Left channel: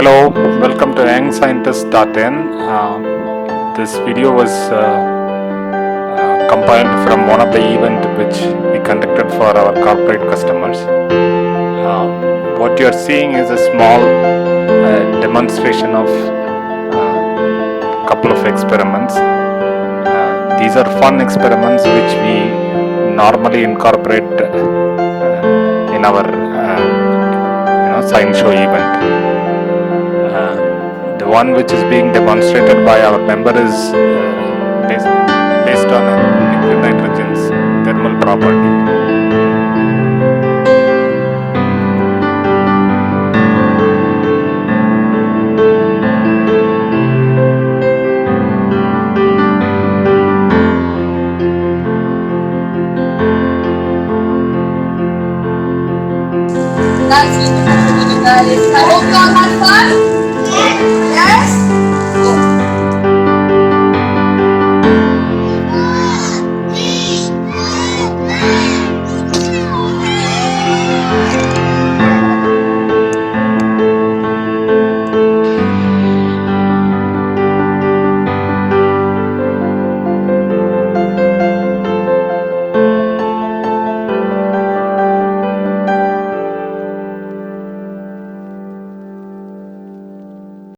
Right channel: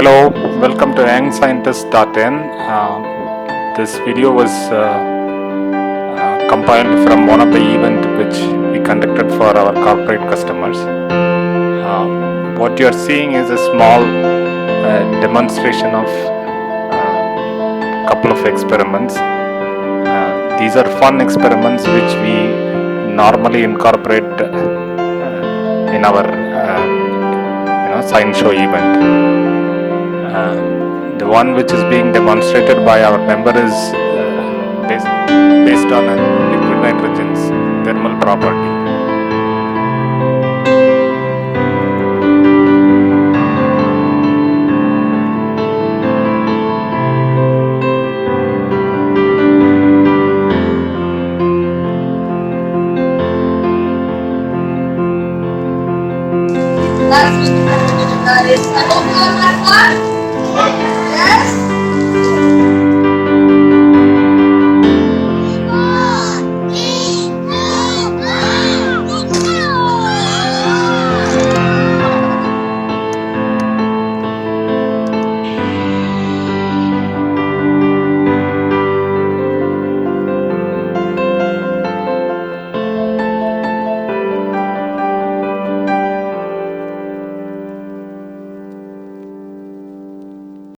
Hello, welcome to Young-Scientist.in. This video was compiled from one of the event which we conducted for our corporate customers. What you are seeing is a small demonstration of couple of experiments. These are fun experiments which we normally incorporate in our science show event. The one which is being demonstrated by our member is based on a liquid nitrogen's thermal property. That's really fun, guys. I hope you all had fun. Yes?